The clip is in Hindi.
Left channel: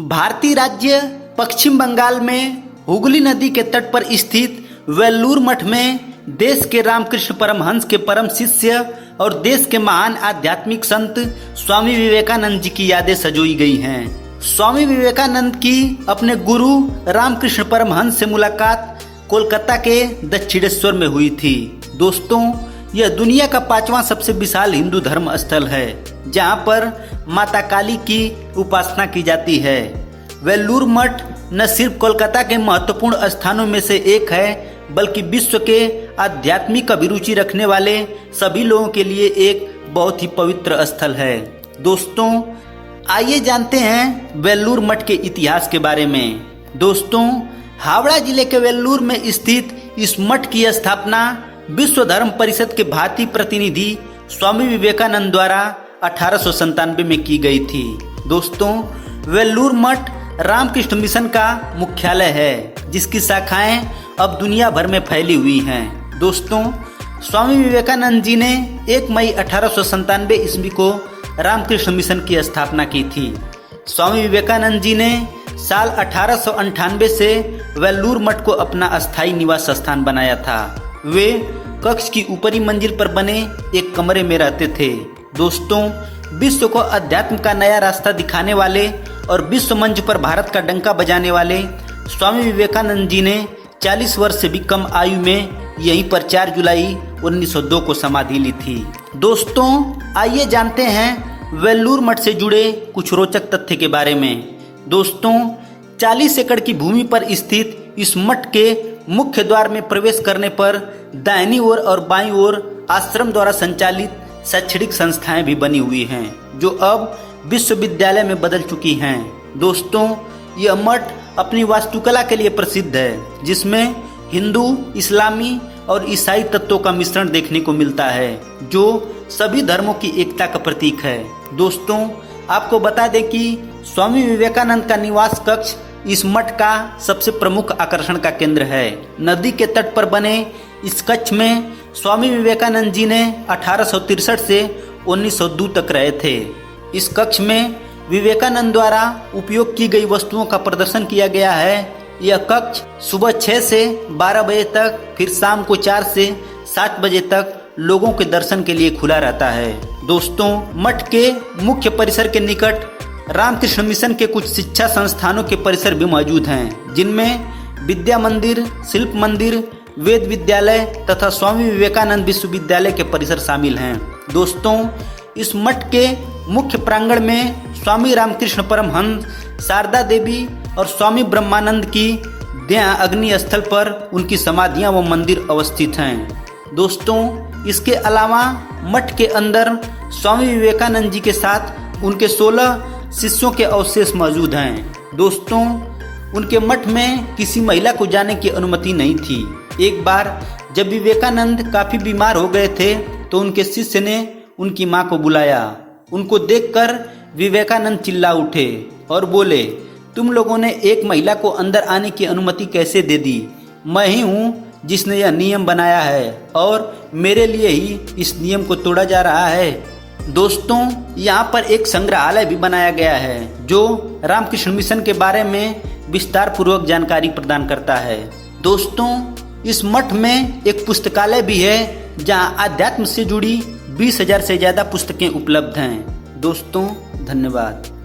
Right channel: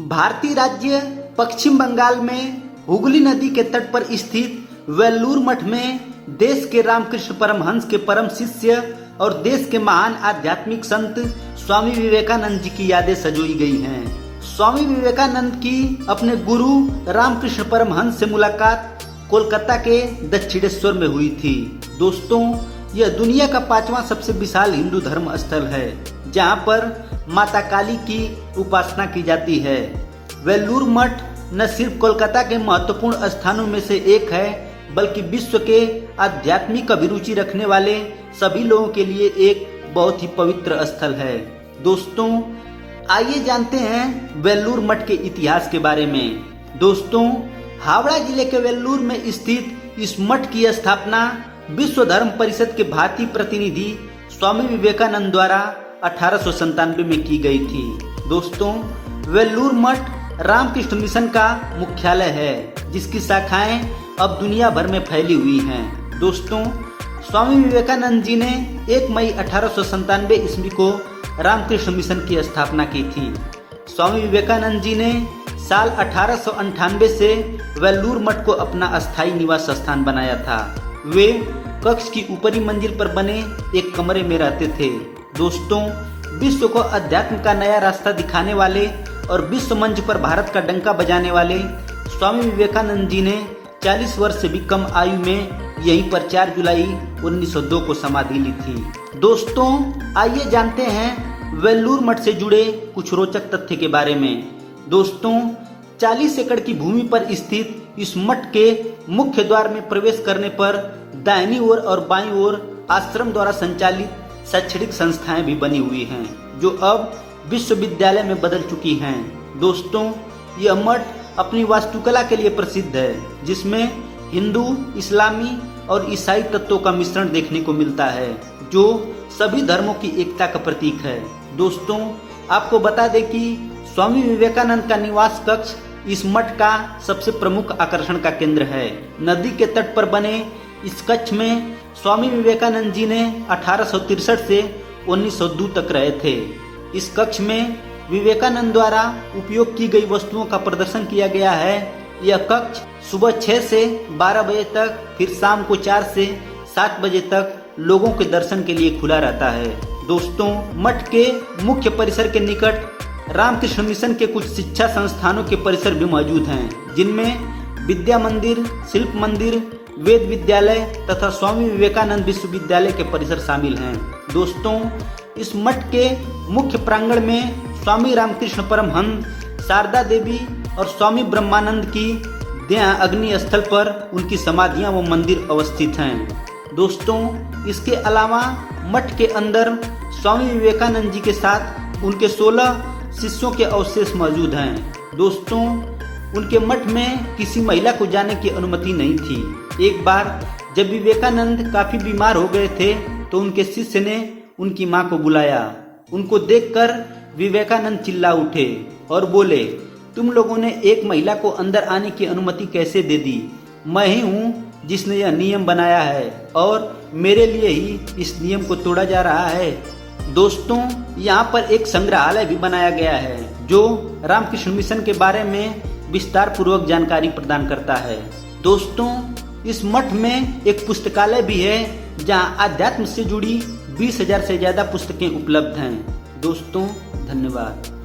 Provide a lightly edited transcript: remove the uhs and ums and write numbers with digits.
भारतीय राज्य पश्चिम बंगाल में हुगली नदी के तट पर स्थित वेल्लूर मठ में देश के रामकृष्ण परमहंस के परम शिष्य और देश के महान आध्यात्मिक संत स्वामी विवेकानंद जी की यादें सजोई गई हैं। स्वामी विवेकानंद की अपने गुरु रामकृष्ण परमहंस से मुलाकात कोलकाता के दक्षिणेश्वर में हुई थी। दोस्तों, यह दुनिया का 5वां सबसे विशाल हिंदू धर्म स्थल है, जहां पर माता काली की उपासना की जाती है। वेल्लूर मठ न सिर्फ कोलकाता के महत्वपूर्ण स्थानों में से एक है, बल्कि विश्व के आध्यात्मिक अभिरुचि रखने वाले सभी लोगों के लिए एक बहुत ही पवित्र स्थल है। दोस्तों, आइए जानते हैं वेल्लूर मठ के इतिहास के बारे में। दोस्तों, हावड़ा जिले के वेल्लूर में स्थित इस मठ की स्थापना विश्व धर्म परिषद के भारतीय प्रतिनिधि स्वामी विवेकानंद द्वारा 1897 में की गई थी। दोस्तों, वेल्लूर मठ रामकृष्ण मिशन का मुख्यालय है, जिसकी शाखाएं अब दुनिया भर में फैली हुई हैं। दोस्तों, स्वामी विवेकानंद जी ने 1 मई 1897 ईस्वी को रामकृष्ण मिशन की स्थापना की थी। स्वामी विवेकानंद जी ने साल 1898 से वेल्लूर मठ को अपना अस्थायी निवास स्थान बनाया था। वे कक्ष की ऊपरी मंजिल पर बने एक कमरे में रहते थे। दोस्तों, विश्व को अध्यात्म का नया रास्ता दिखाने वाले और विश्व मंच पर भारत का डंका बजाने वाले स्वामी विवेकानंद जी ने 40 वर्ष से भी कम आयु में यहीं पर 4 जुलाई 1902 को समाधि ली थी। दोस्तों, आइए जानते हैं वेल्लूर मठ से जुड़े कुछ रोचक तथ्य के बारे में। दोस्तों, 40 एकड़ की भूमि पर स्थित इस मठ के मुख्य द्वार में प्रवेश करने पर दाहिनी ओर और बाईं ओर आश्रम द्वारा संचालित शैक्षणिक संस्थाएं भी बनी हुई हैं, जो अब विश्वविद्यालय में बदल चुकी हैं। दोस्तों, यह मठ अपनी वास्तुकला के लिए प्रसिद्ध है, जिसमें हिंदू, इस्लामी और ईसाई तत्वों का मिश्रण देखने को मिलता है, जो सभी धर्मों की एकता का प्रतीक है। दोस्तों, आपको बता दें कि स्वामी विवेकानंद का निवास कक्ष इस मठ का सबसे प्रमुख आकर्षण का केंद्र है। नदी के तट पर बने इस कक्ष में स्वामी विवेकानंद जी ने 1863 से 1902 तक रहे थे। इस कक्ष में विवेकानंद द्वारा उपयोग की गई वस्तुओं का प्रदर्शन किया गया है। यह कक्ष सुबह 6 से 12 बजे तक, फिर शाम को 4 से 7 बजे तक लोगों के दर्शन के लिए खुला रहता है। दोस्तों, मठ के मुख्य परिसर के निकट रामकृष्ण मिशन के कुछ शिक्षा संस्थानों के परिसर भी मौजूद हैं, जिनमें विद्या मंदिर, शिल्प मंदिर, वेद विद्यालय तथा स्वामी विवेकानंद विश्वविद्यालय के परिसर शामिल हैं। दोस्तों, इस मठ के मुख्य प्रांगण में स्वामी रामकृष्ण परमहंस, शारदा देवी और स्वामी ब्रह्मानंद की देह अग्नि स्थल पर उनकी समाधियां व मंदिर अवस्थित हैं। दोस्तों, इसके अलावा मठ के अंदर स्वामी विवेकानंद जी के साथ उनके 16 शिष्यों के अवशेष मौजूद हैं। दोस्तों, उनके मठ में किसी महिला को जाने की अनुमति नहीं थी। एक बार जब विवेकानंद काफी बीमार हो गए थे, तो उनके शिष्य ने उनकी मां को बुलाया। उनको देखकर विवेकानंद चिल्ला उठे और बोले, तुम लोगों ने एक महिला को अंदर आने की अनुमति कैसे दे दी? मैं ही हूँ जिसने यह नियम बनाया है, और मेरे लिए ही इस नियम को तोड़ा जा रहा है। दोस्तों, यहाँ पर एक संग्रहालय भी बनाया गया है, जो रामकृष्ण मिशन के बारे में विस्तार पूर्वक जानकारी प्रदान करता है। दोस्तों, इस मठ में एक पुस्तकालय भी है, जहाँ अध्यात्म से जुड़ी 20,000 से ज्यादा पुस्तकें उपलब्ध हैं। दोस्तों, धन्यवाद।